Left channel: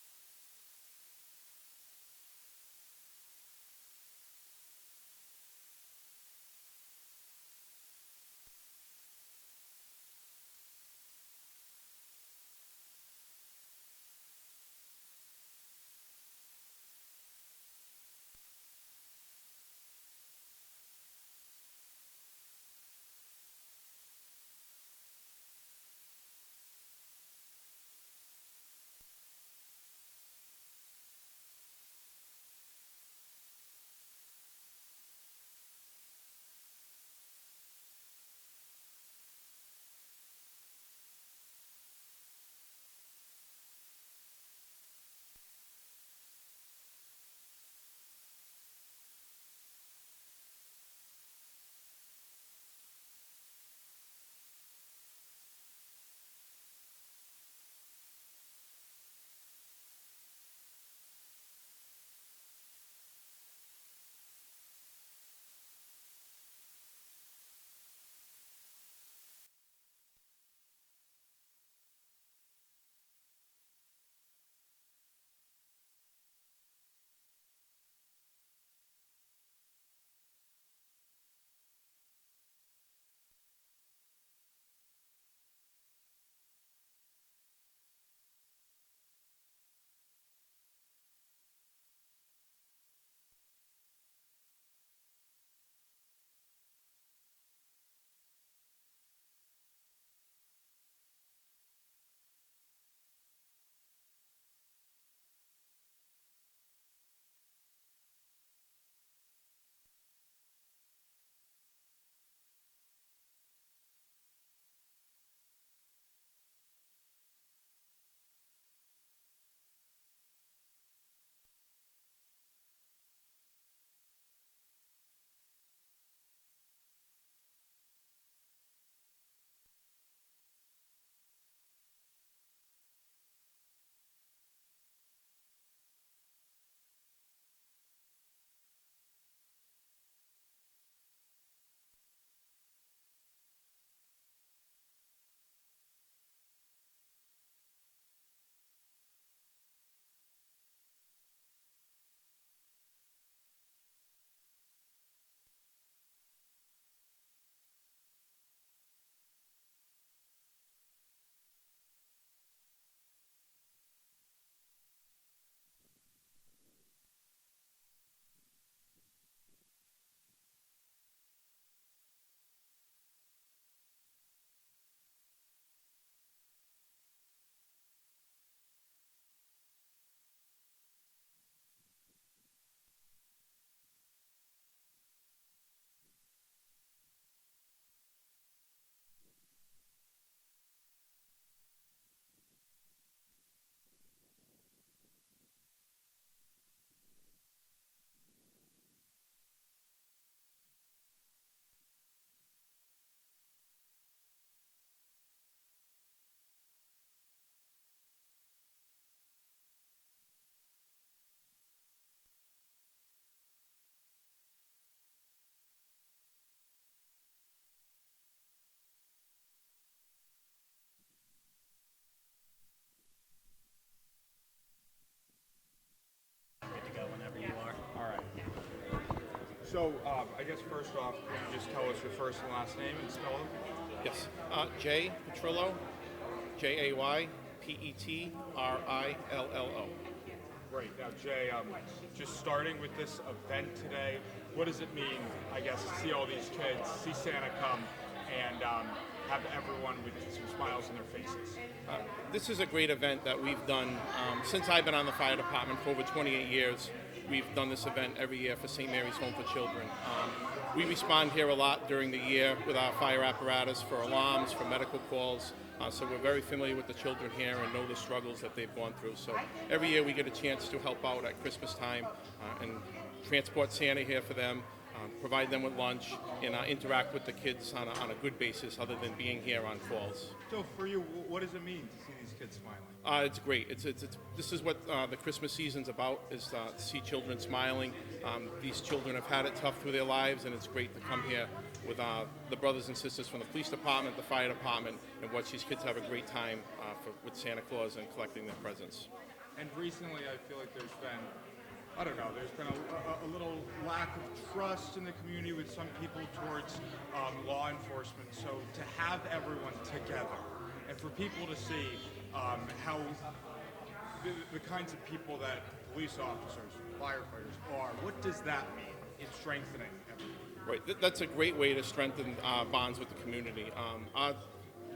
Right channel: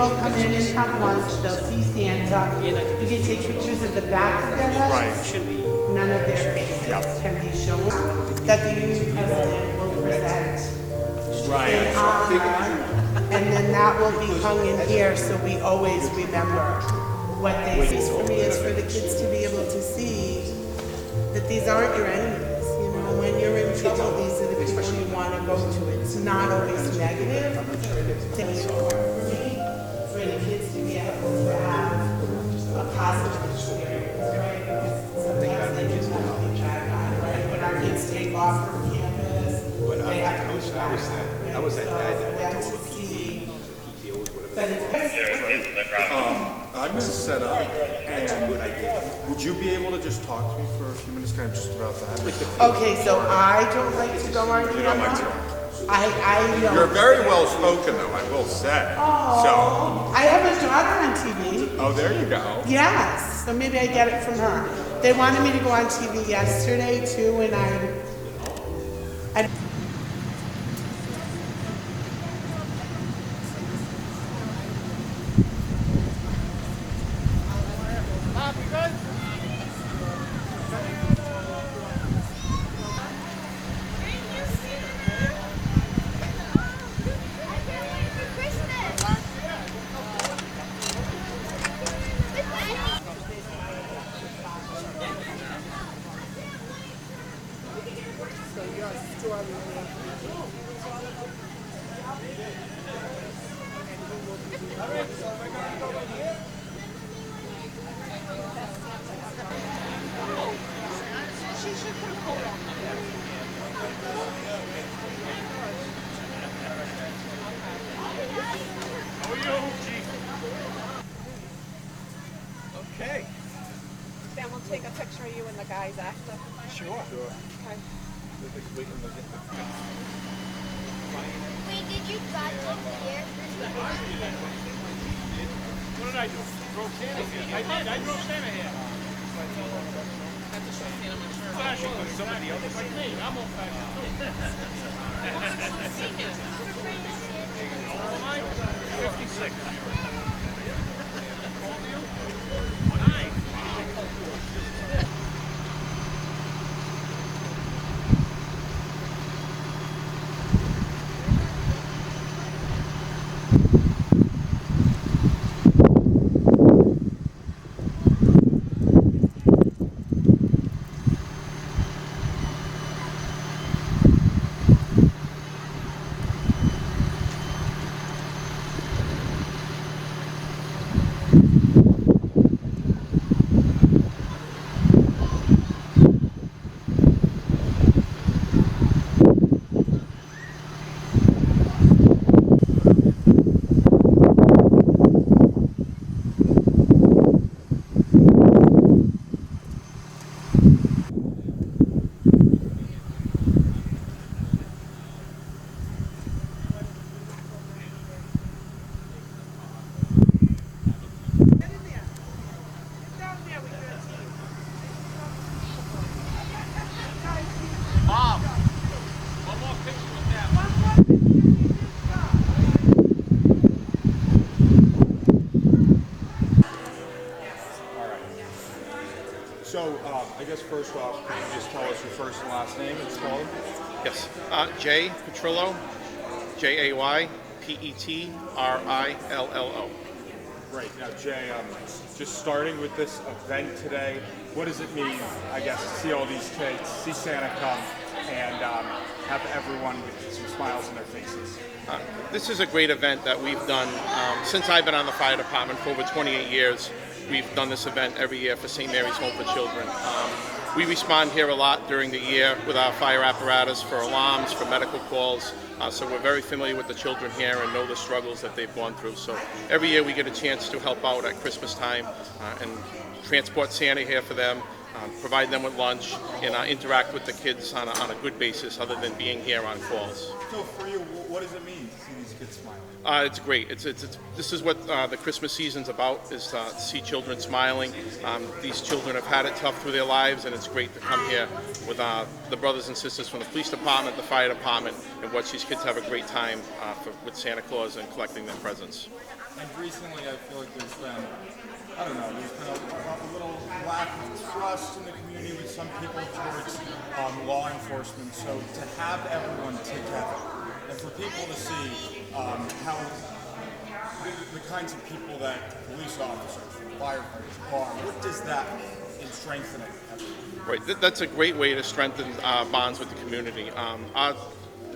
will come in and have lunch. They'll see Santa. You can take pictures of the back of their heads. Right. None of their faces can be shown. That the union president will present Right. in honor, and then that will be hung in here so we always remember what they see. For me, it's for the kids to be able to see that these aren't your enemies. You know, when you're in trouble, these are the people you want to go to. It's not always negative. For the kids to be able to have a positive experience, right? Because sometimes they just want to be dragged on, right? When our kids take off from campus, they have to be dragged on. I was that guy that That's to see. But it's I'm gonna set up, and would you be able to just talk to me for a few minutes, kind of just about that? okay, so I don't like to go on camera. I know. You're very well spoken, though, I will say. Oh, I have a daughter on TV. Oh, there you go. Yes, so maybe I get it from her. They wanted me to go on TV yesterday too, and I Okay. Then we'll take a picture of you and the guys after. Sure. Okay. Wait, did you drive over here? What did I do? Drove Santa here. I did. I drove Santa here. Flashing with somebody else like me. I'm old fashioned too. How old am I? 56. Mom, one more picture with that. So, I guess first off, can you just tell us your first and last name and spell them? Yes. Jay Petrillo, Jaypetrrillo. Right. Now, Jay, just starting with this event today, what does it mean, I guess, to see all these kids, see Santa come, and have everyone with some smiles on their faces? This is a great event that we've done since I've been on the fire department for over 28 years. We've done this event every year for St. Mary's Home for Children. We respond here a lot during the year with our fire apparatus for alarms, for medical calls. So we're very familiar with the children here and know the struggles that they've gone through. So every year we get a chance to help out at Christmas time and transport Santa here for them, provide them with lunch, and interact with the kids on a good basis other than being here on calls. So, for you, what does it mean to see these kids smiling? It's great. This is what the Christmas season's about, is to see children smiling. These children have had it tough through their lives, and it's great to come here with the brothers and sisters from the police department, the fire department, and watch these kids have a great time with Santa Claus and collecting their presents. And recently, I feel like there's been, I don't know, there's been a little lack of trust in the community with some people towards law enforcement. So to have everyone together and for people to see how the kinds of people that police officers, firefighters are, what does that mean in strengthening everyone? Right, that's a great way to strengthen bonds with the community. Our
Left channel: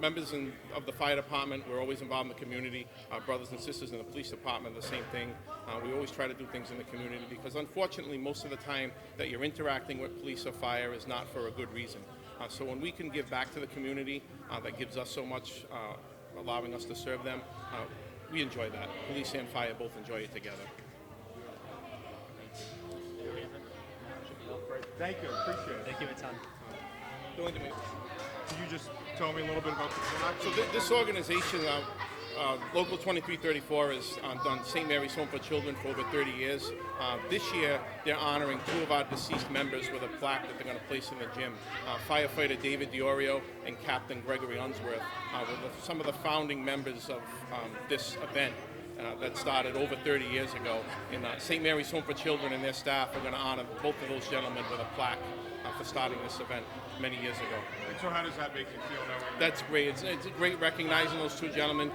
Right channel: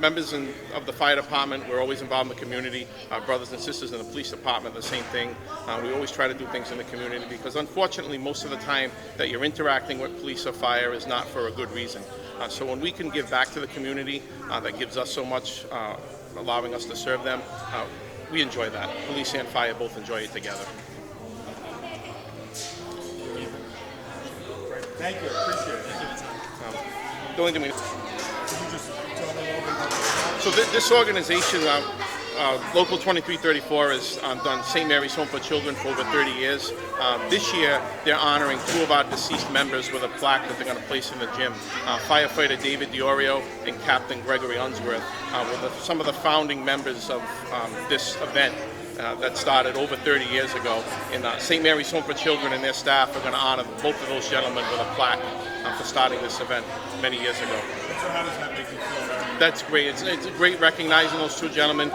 members of the fire department, we're always involved in the community. Our brothers and sisters in the police department, the same thing. We always try to do things in the community because unfortunately most of the time that you're interacting with police or fire is not for a good reason. So when we can give back to the community, that gives us so much, allowing us to serve them, we enjoy that. Police and fire both enjoy it together. Thank you, appreciate it. Thank you. The only thing we Can you just tell me a little bit about this? So this organization, Local 2334, has done St. Mary's Home for Children for over 30 years. This year, they're honoring 2 of our deceased members with a plaque that they're going to place in the gym. Firefighter David DiOrio and Captain Gregory Unsworth were some of the founding members of this event. That started over 30 years ago. And St. Mary's Home for Children and their staff are going to honor both of those gentlemen with a plaque for starting this event many years ago. So how does that make you feel? That's great. It's great recognizing those 2 gentlemen.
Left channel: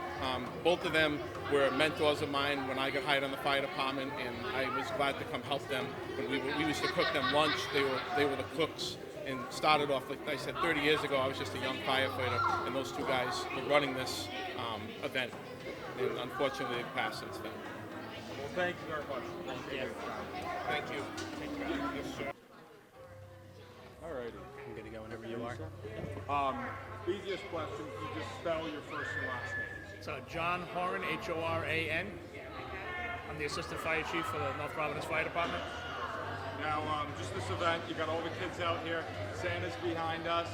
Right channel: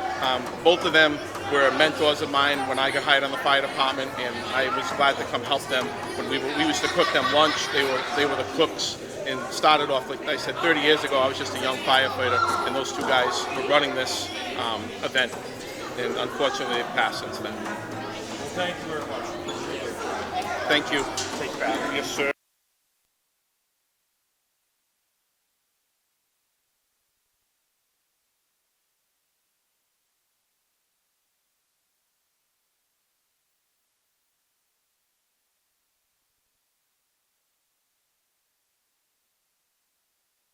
Both of them were mentors of mine when I got hired on the fire department, and I was glad to come help them. When we used to cook them lunch, they were the cooks. And started off, like I said, 30 years ago, I was just a young firefighter, and those 2 guys were running this event. And unfortunately, it passed since then. Thank you very much. Thank you. Take that. Yes, sir. All righty. I'm good to go whenever you are. Easiest question, can you just spell your first and last name? So John Horan, Horan. I'm the Assistant Fire Chief for the North Providence Fire Department. Now, just this event, you got all the kids out here, Santa's behind us.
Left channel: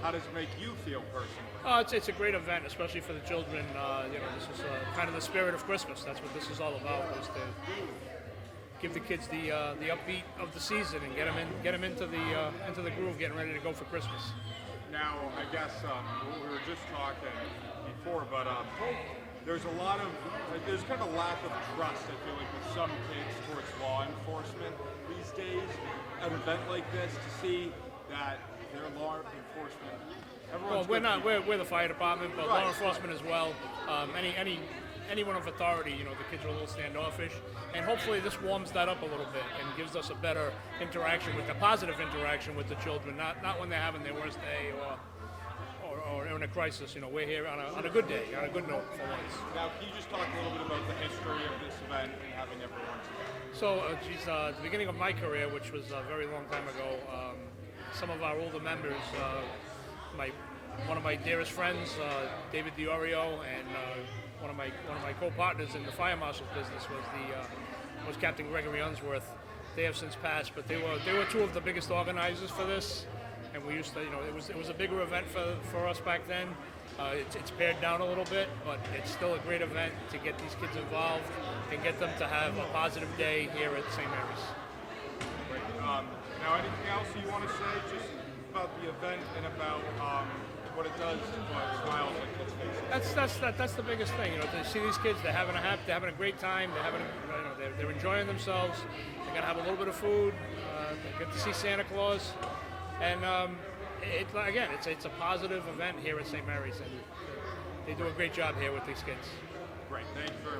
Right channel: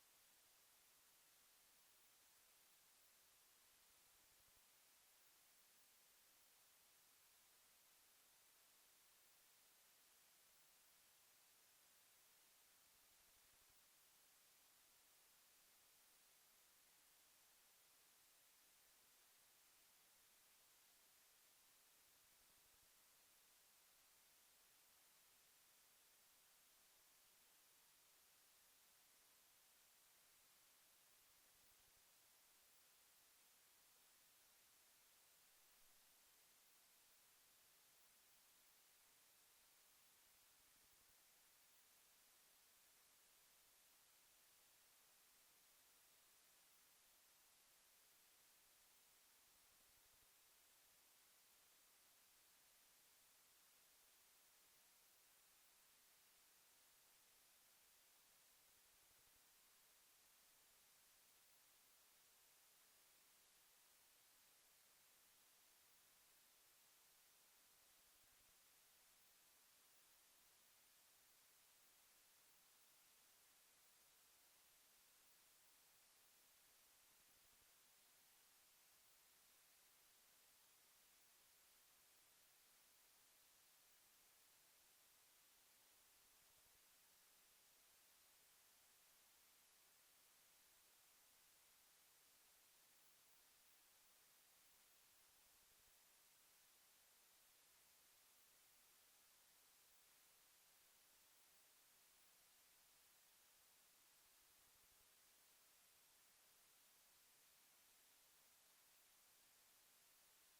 How does it make you feel personally? It's a great event, especially for the children. This is kind of the spirit of Christmas. That's what this is all about, is to give the kids the upbeat of the season and get them into the groove, getting ready to go for Christmas. Now, I guess we were just talking before, but there's kind of a lack of trust, I feel like, with some kids towards law enforcement these days. An event like this, to see that their law enforcement, Well, we're not. We're the fire department, but Right. law enforcement as well. Anyone of authority, the kids are a little standoffish, and hopefully this warms that up a little bit and gives us a better interaction, a positive interaction with the children. Not when they're having their worst day or in a crisis. We're here on a good day, on a good note for once. Now, can you just talk a little bit about the history of this event and having everyone together? So, at the beginning of my career, which was a very long time ago, some of our older members, one of my dearest friends, David DiOrio, and one of my co-partners in the fire marshal's business was Captain Gregory Unsworth. They have since passed, but they were 2 of the biggest organizers for this, and we used to, it was a bigger event for us back then. It's pared down a little bit, but it's still a great event to get these kids involved and get them to have a positive day here at St. Mary's. Great. Now, anything else you want to say just about the event and about what it does to put smiles on kids' faces? That's the biggest thing. To see these kids, they're having a great time. They're enjoying themselves. They're gonna have a little bit of food. They get to see Santa Claus, and it's a positive event here at St. Mary's, and they do a great job here with these kids. Great. Thank you very much.